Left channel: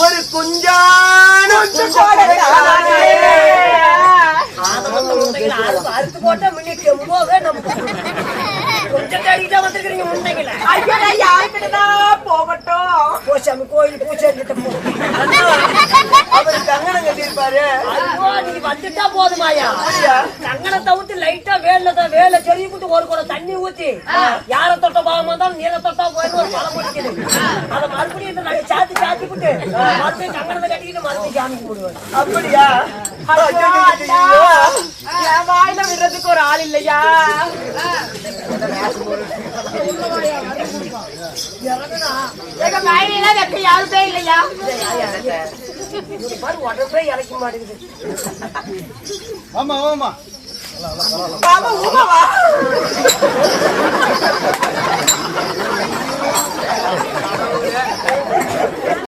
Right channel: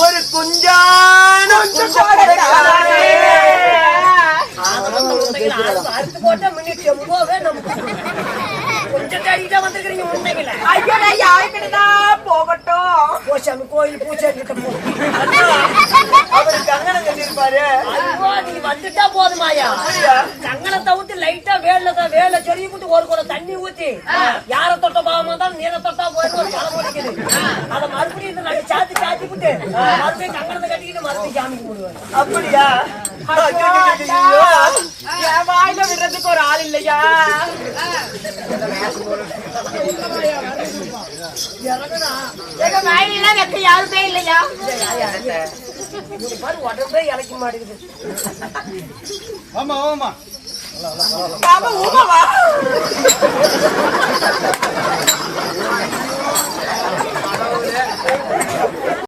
ஒரு குஞ்சான அறுத்து போட்டா மினி செம்போவே நம்ம கொஞ்சம் கறிட்டா வந்துருக்கீங்க முந்தைங்கள போகட்டும் போசாமி கோயில் பூசாரி கிட்ட போ அவரு கங்கணம் கட்டிருப்பாரு நீ வந்துட்டா போதுமாயா கங்கணத்தை ஊத்தி லைட்டா வேலை சொல்லி விட்டு ஒரு கூட தண்ணி ஊத்தி யார தொட்ட பாவமா தான் நீரை தொட்டா போயின்னு ஒரு பழம் முடிக்குது அதை மறுபடியும் நாங்க சாத்தி விட்டு மறுபடியும் கங்கணத்தை கட்டிக்கிட்டு மறுபடியும் சாமிக்கு போடுவாங்க அப்படியா வாயில விடுறதுக்கு ஒரு ஆள் இல்லையா வாயிலாம் வைக்க யாருமே இல்லையா பாரு உடம்பே இழைக்க மாட்டேங்குது ஆமா ஆமா ஊமாவா